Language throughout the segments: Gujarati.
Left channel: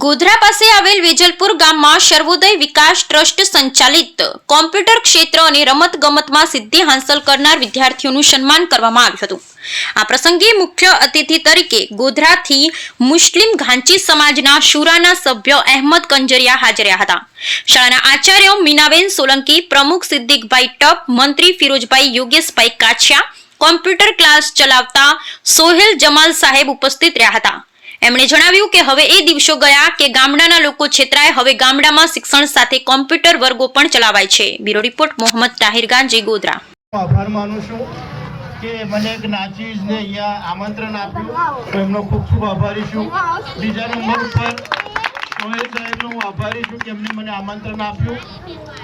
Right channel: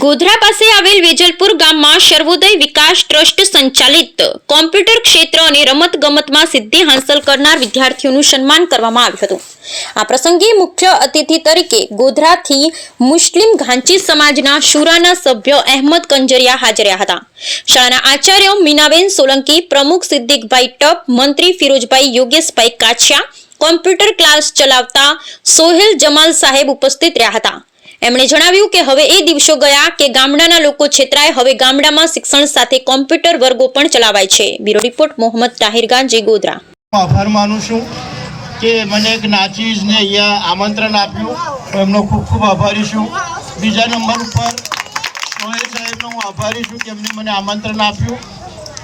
ગોધરા પાસે આવેલ વેજલપુર ગામમાં સર્વોદય વિકાસ ટ્રસ્ટ સંચાલિત કોમ્પ્યુટર ક્ષેત્ર અને રમત ગમતમાં સિદ્ધિ હાંસલ કરનાર વિદ્યાર્થીઓનું સન્માન કરવામાં આવ્યું હતું. આ પ્રસંગે મુખ્ય અતિથિ તરીકે ગોધરાથી મુસ્લિમ ઘાંચી સમાજના શુરાના સભ્ય અહેમદ કંજરિયા હાજર હતા. શાળાના આચાર્ય મીનાબેન સોલંકી, પ્રમુખ સિદ્દીકભાઈ ટપ, મંત્રી ફિરોજભાઈ યોગેશભાઈ કાછિયા, કોમ્પ્યુટર ક્લાસ ચલાવતા સોહેલ જમાલ સાહેબ ઉપસ્થિત રહ્યા હતા. એમણે જણાવ્યું કે હવે એ દિવસો ગયા કે ગામડાના લોકો છેતરાય, હવે ગામડામાં શિક્ષણ સાથે કોમ્પ્યુટર વર્ગો પણ ચલાવાય છે. Bureau report, Mohammad Tahir Ganji, Godhra. આભાર માનું છું કે મને એક નાચીઝને અહીંયા આમંત્રણ આપ્યું. હું એમનો ખૂબ ખૂબ આભારી છું. બીજા નંબર ઉપર સોહેલ સાહેબનો હું આભારી છું કે એમને મને આમંત્રણ આપ્યું.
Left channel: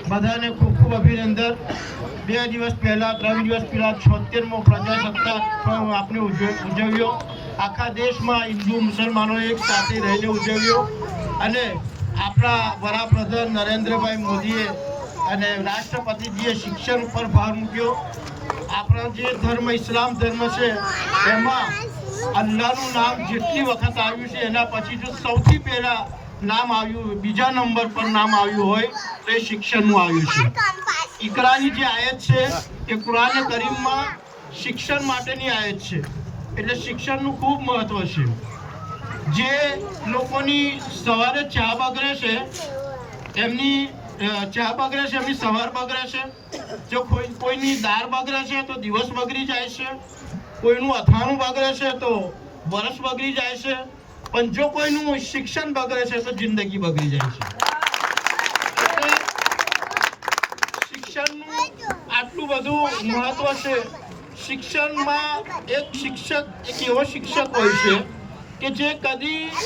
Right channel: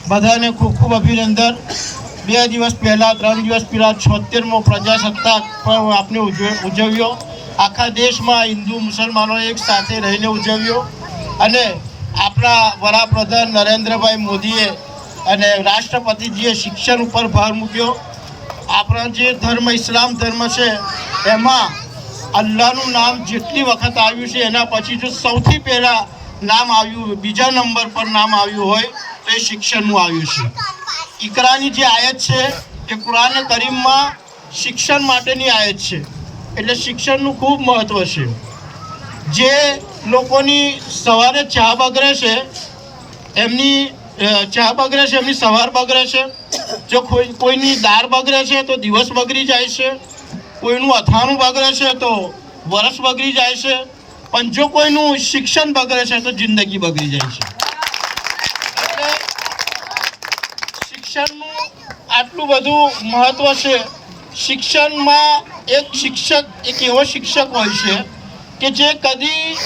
બધાને ખૂબ ખૂબ અભિનંદન. બે દિવસ પહેલાં, ત્રણ દિવસ પહેલાં છોતેરમો પ્રજાસત્તાક પણ આપણે ઉજવ- ઉજવ્યો. આખા દેશમાં હિન્દુ મુસલમાનો એક સાથે રહીને ઉજવ્યો અને આપણા વડાપ્રધાન નરેન્દ્રભાઈ મોદીએ અને રાષ્ટ્રપતિજીએ શિક્ષણ ઉપર ભાર મૂક્યો. આપણા જે ધર્મ, ઇસ્લામ ધર્મ છે, એમાં અલ્લાહનું નામ જેટલી વખત આવ્યું છે, એના પછી જો સૌથી પહેલાં નામ આવ્યું, બીજા નંબર પર નામ આવ્યું હોય, તો એ શિક્ષણનું આવ્યું છે. ઇકરાની જે આયત છે એ કુરાન કરીમમાં શિક્ષણ માટેની આયત છે. એટલે શિક્ષણનું ખૂબ મહત્ત્વ છે. જે લોકોની સવારે ચા બગડે છે, એમની ચા બગડે છે, એમની સવાર બગડે છે, જો કોઈ, કોઈની દાળ બગડે છે તો દિવસ બગડી જાય છે, કોઈનું અથાણું બગડે છે તો વરસ બગડી જાય છે, પણ જો કોઈનું શિક્ષણ બગડે છે તો જિંદગી બગડી જાય છે. શિક્ષણનું આટલું બધું મહત્વ છે. શિક્ષણમાં એક શિક્ષક, એક એવો શિક્ષક હોય છે કે જે કદી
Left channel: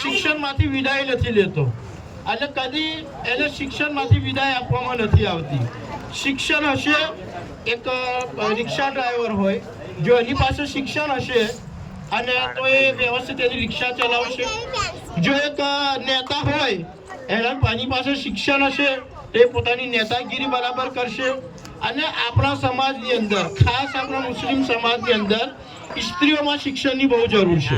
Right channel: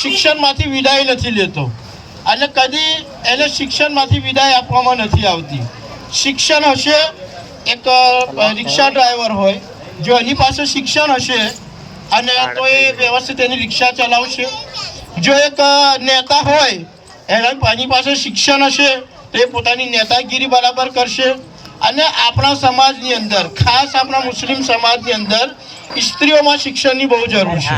શિક્ષણમાંથી વિદાય નથી લેતો અને કદી એને શિક્ષણમાંથી વિદાય આપવામાં નથી આવતી. શિક્ષણ હશે, એક રિક્ષા ડ્રાઈવર હોય, જો એની પાસે શિક્ષણ હશે અને તો એ વ્યવસ્થિત એની રિક્ષા ચલાવશે. જો એક નેતા હોય, એના એની પાસે શિક્ષણ હશે, તો એ પોતાની નેતાગીરી બરાબર કરશે. અને આપણા સમાજની અંદર, ખાસ આપણા મુસ્લિમ સમાજની અંદર, સ્ત્રીઓમાં શિક્ષણની બહુ જરૂર છે.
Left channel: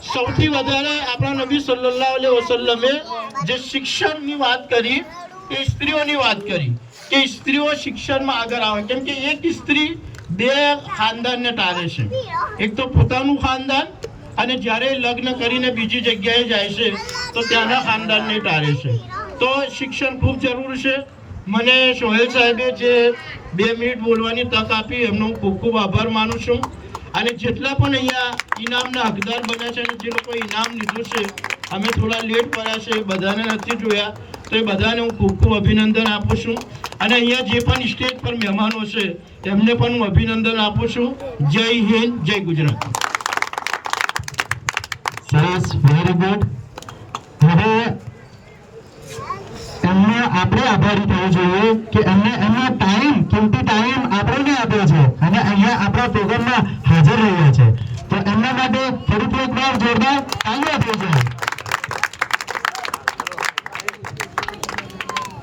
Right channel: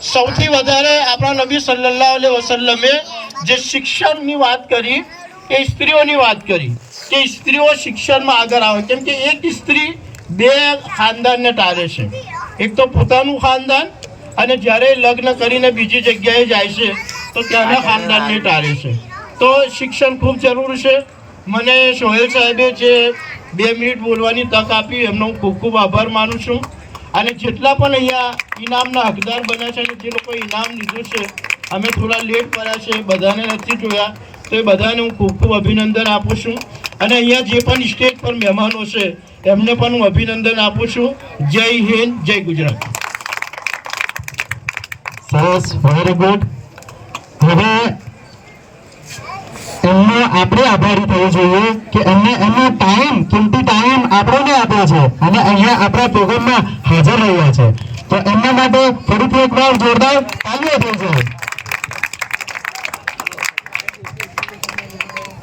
સૌથી વધારે આપણા નબી સલ્લલ્લાહુ અલૈહિ વસલ્લમે જે શિક્ષણની વાત કરી, એ સ્ત્રીઓની વાત કરી. કે સ્ત્રીઓ શિક્ષણમાં આગળ આવે. કેમ કે એક સ્ત્રી બે ખાનદાનને ટાળે છે. એક તો પોતાનું ખાનદાન અને જ્યારે લગ્ન કરીને બીજી જગ્યાએ જાય છે, તો ત્યાંના ખાનદાનને ટાળે છે. તો શિક્ષણ ખૂબ જરૂર છે. મને સોહેલ સાહેબે જે બે મિનિટ બોલવાની તક આપી, એમનો હું ખૂબ ખૂબ આભાર માનું છું. અને જેટલા પણ અહીંયા ઇનામના હકદાર બન્યા છે અને જે લોકો ઇનામ લીધું છે, અમે થોડા લેટ કર્યા છે, બધાને નથી જોયા, તો એ બધાને હું ખૂબ ખૂબ અભિનંદન આપું છું. અને અહીંયા જે પણ સ્ટેજ પર મહેમાનો છે, એમને પણ હું અભિનંદન આપું છું. જય હિન્દ, જય ગુજરાત. સરસ વેરી ગુડ હવે એમને આપણે આભારી થવું જોઈએ કે એમને એમનો ટાઈમ કિંમતી ટાઈમ આપણને આપ્યો છે. અને અહીંયા આપણા પ્રોગ્રામમાં હાજર રહ્યા છે. તો એમના માટે ફરીથી એકવાર જોરદાર તાલીઓ થઈ જાય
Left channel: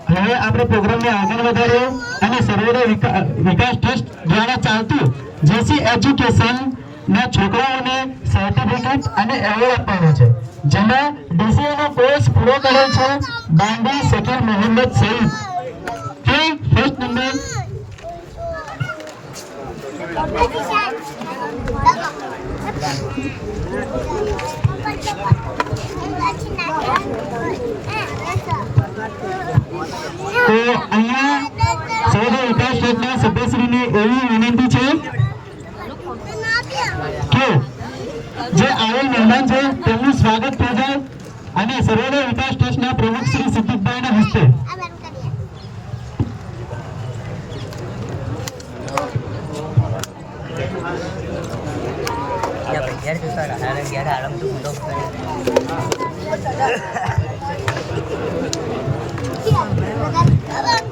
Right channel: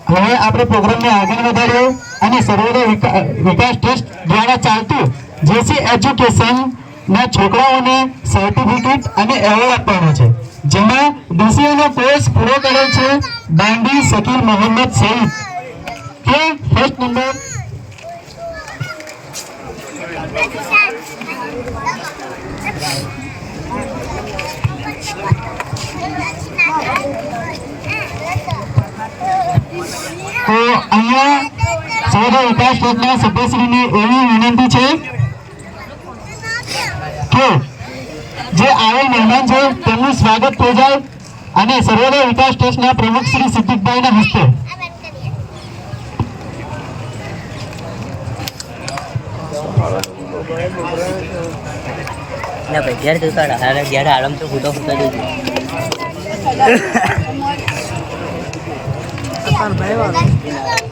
હવે આપણે પ્રોગ્રામને આગળ વધારીએ અને સર્વોદય વિકા- વિકાસ ટ્રસ્ટ દ્વારા ચાલતું જેસી એજ્યુકેશન ના છોકરાઓને સર્ટિફિકેટ અને એવોર્ડ આપવાનો છે. જેમાં DCA નો કોર્સ પૂરો કરેલ છે દાંડી શકીર મોહમ્મદ સઈદ તે ફર્સ્ટ નંબર તો અહીંયા સર્વોદય વિકાસ ટ્રસ્ટના સભ્યશ્રીને એવી વિનંતી છે કે જે આવેલ મહેમાન છે તેમનું સ્વાગત થઈ જાય અને સર્વોદય વિકાસ ટ્રસ્ટના પ્રમુખ શ્રી સિદ્દીકભાઈના હસ્તે. ના ભાઈ ઘેર જતા રહ્યા ઘેર આરામ ફૂટો ફૂટો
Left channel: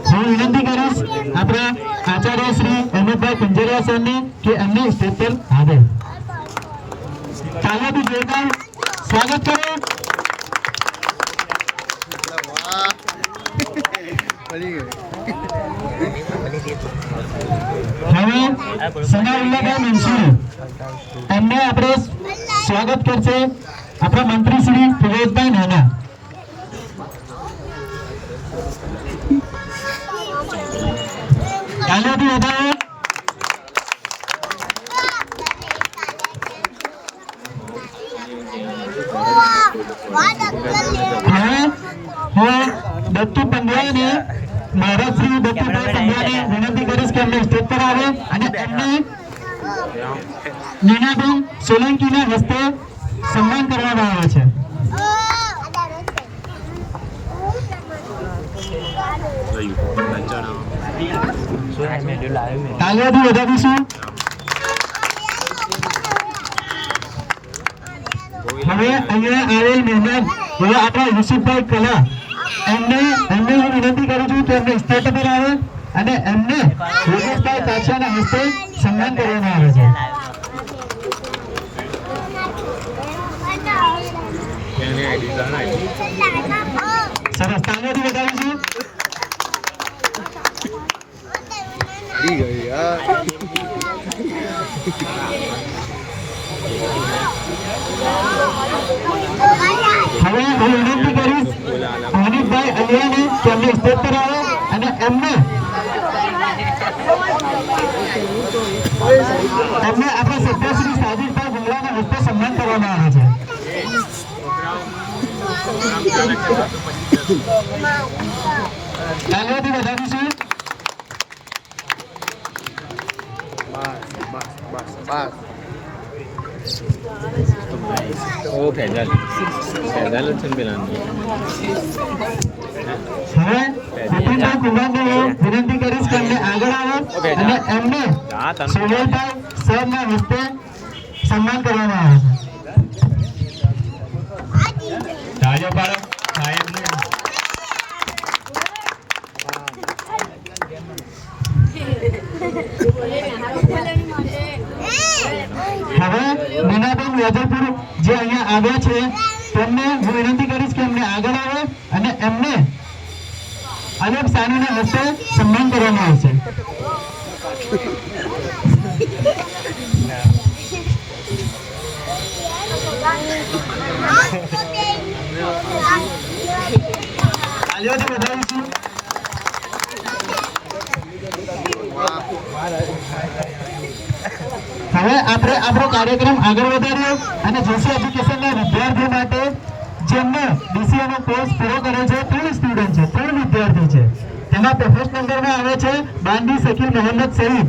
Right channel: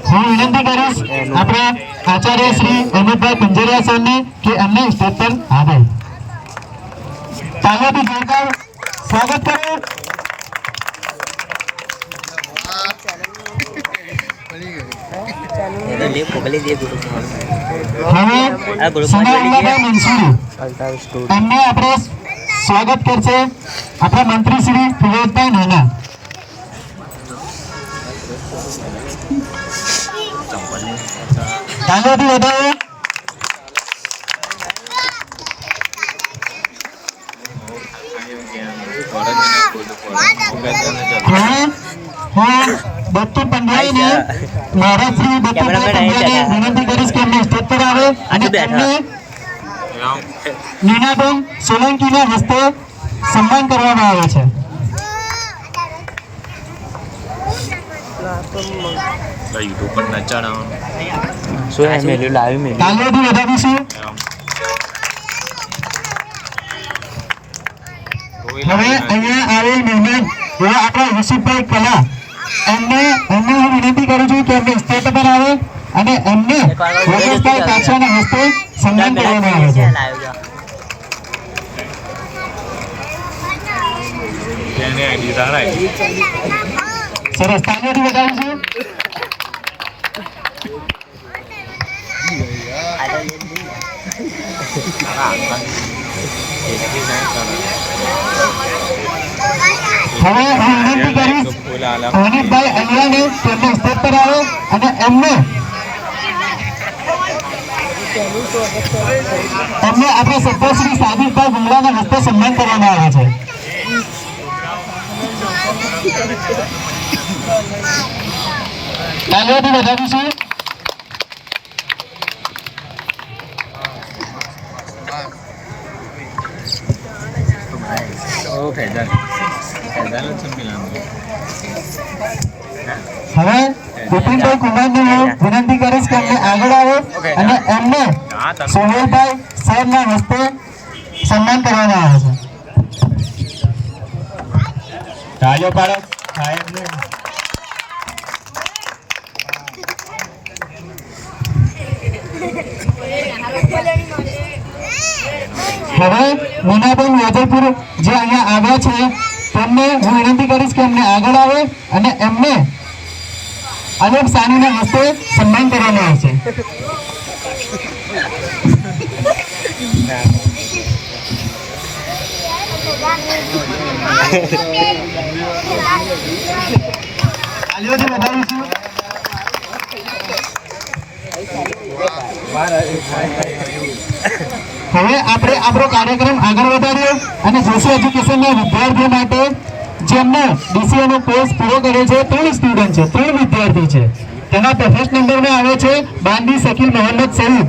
હું વિનંતી કરીશ આપણા આચાર્ય શ્રી અમિતભાઈ કંજરિયા સરને કે અમને સ્ટેજ પર આવે તાલીઓથી જોરદાર સ્વાગત કરો. એમને આપણે સ્વાગત કરશે આપણા મંત્રી શ્રી ફિરોજભાઈ નાના. તાલીઓથી વધાવો હવે હું દત્તુ પંડ્યાને મારા શ્રી દત્તુભાઈ પંડ્યાને વિનંતી કરીશ કે અમને સ્ટેજ પર આવે. અને એમને નીનાબેન સોલંકીના હસ્તે સન્માન કરવામાં આવે છે. શું વધાવીશું હવે અહીંયા આવેલ મહેમાન એવા આપણા યુસુફભાઈ કલા એમને એમને હું વિનંતી કરું છું કે એમની સ્ટેજ પર આવે અને એમને રાજસ્થાન પાછળના હસ્તે સન્માન કરવામાં આવે છે. સરસ. તાલીઓથી વધાવીશું હવે હું વિનંતી કરીશ હાનિફભાઈ અલિયાને કે એમને સ્ટેજ પર આવો અને એમને એમને આપણા સભ્ય શ્રી સાબિરભાઈ ગુંગલાના હસ્તે સન્માન કરવામાં આવે છે. તાલીઓથી વધાવીશું ઓ ફેજાલ ફેજાલ જ છે પેલાનું. હવે વિપિનભાઈ કુમારને હું વિનંતી કરીશ કે એમને આગળ આવો અને એમને સોહેલભાઈ સાહેબના હસ્તે સન્માન કરવામાં આવે છે. તાળીઓ પાડો. સાહેબને હવે મીનાબેન વેજલપુર જે અહીંયા આવ્યા છે, તેમને હું વિનંતી કરીશ કે એમને આગળ આવે અને એમને અલોક સાનુના હસ્તે સન્માન કરવામાં આવશે. વધાવીશું હવે આપણે આપણો કાર્યક્રમ આગળ વધાર્યો અને જેસી એજ્યુકેશનના વિદ્યાર્થીઓ માટે જેમને ડીસીએનો કોર્સ પૂરો કર્યો છે, ત્રણ સ્ટુડન્ટ છે, ત્રણ વિદ્યાર્થી છે. તેના ફર્સ્ટ નંબરમાં આવે છે બાંદી શકીલ મોહમ્મદ સઈદ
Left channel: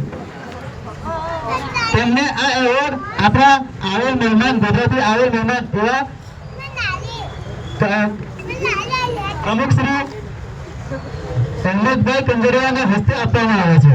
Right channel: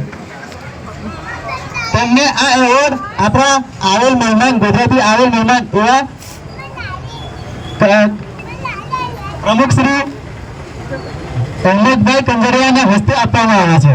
તેમને આ એવોર્ડ આપણા આવેલ મહેમાન, ગુજરાતી આવેલ મહેમાન એવા પ્રમુખ શ્રી અહેમદભાઈ કંજરિયાના હસ્તે આપવામાં આવે છે.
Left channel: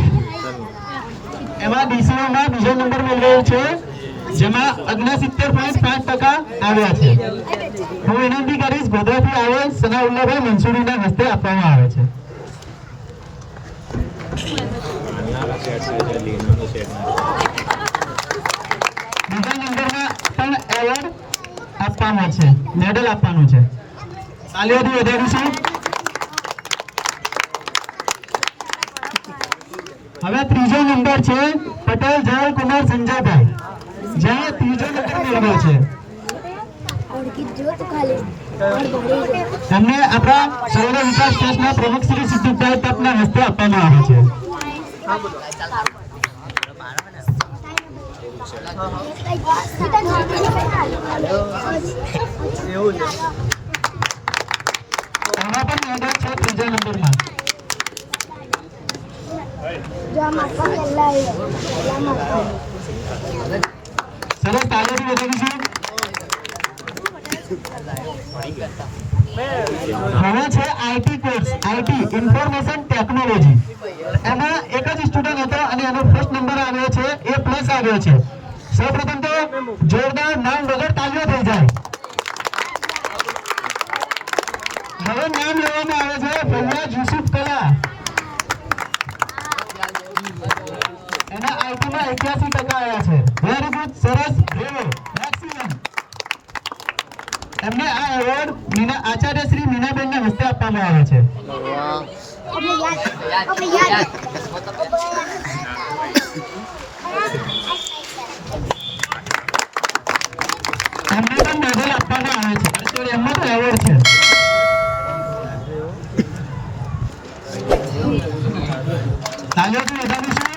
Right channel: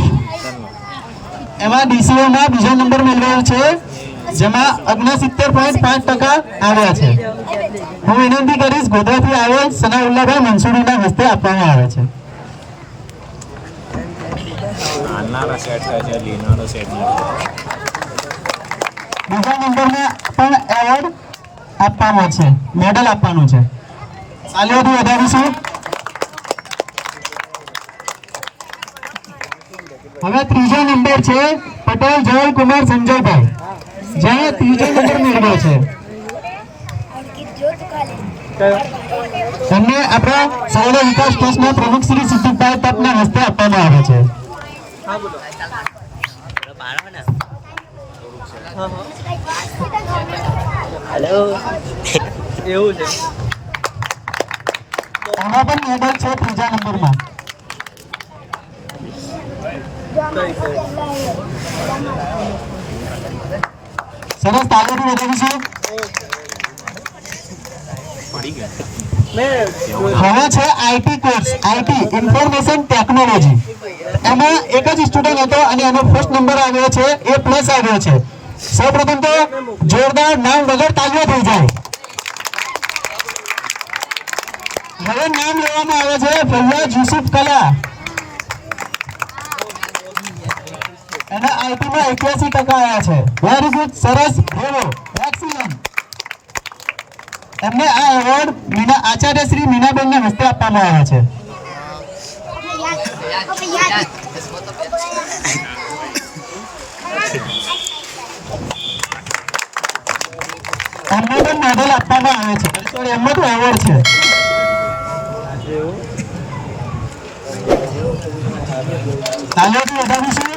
એમાં DCO માં બીજો નંબર મેળવેલ છે જેમાં અગ્નસિત્તેર પોઈન્ટ પાંચ ટકા આવ્યા છે. હું વિનંતી કરીશ ગોધરાથી આવેલ સનાઉલ્લાભાઈ મંસૂરીના હસ્તે આપવામાં આવે છે. બીજા નંબરમાં પણ એવોર્ડ આપવાનો છે મેડલ આપવાનું છે. તાલીઓથી વધારીશું. હવે ત્રીજો નંબર છે પટેલ જયલ કુમાર સંજયભાઈ જ્યાં ત્રીજો નંબર મેળવ્યો છે. તમને આપણા સૌર વિકાસ ટ્રસ્ટના પ્રમુખ શ્રી સિદ્ધિકભાઈ તપના હસ્તે આપવામાં આવે છે. એવું છે આમાં પણ મેડલ છે ત્રીજા નંબરમાં સરસ તાલીઓથી છે હવે છે IT course IT information technology. એમાં એક જ સ્ટુડન્ટ હતો અને એનો ફર્સ્ટ નંબર આવ્યો છે, એ પ્લસ આવ્યો છે. સૌપ્રથમ તો જોરદાર નામ વગર તાલીઓ થઈ જાય. હવે નામ લેવામાં આવે છે ફૈયાજ યુસુફ કલા. એના આઈટીમાં એક્યાસી ટકા આવ્યા છે. વેરી ગુડ સરસ બ્રેવો એક્સિલન્ટ એમને આ એવોર્ડ મીના આચાર્ય શ્રી મીનાબેનને હસ્તે આપવામાં આવ્યા છે. એમને પણ મેડલ આપવામાં આવે છે. એમનો તો એવોર્ડ છે. તાલીઓથી વધાવીશું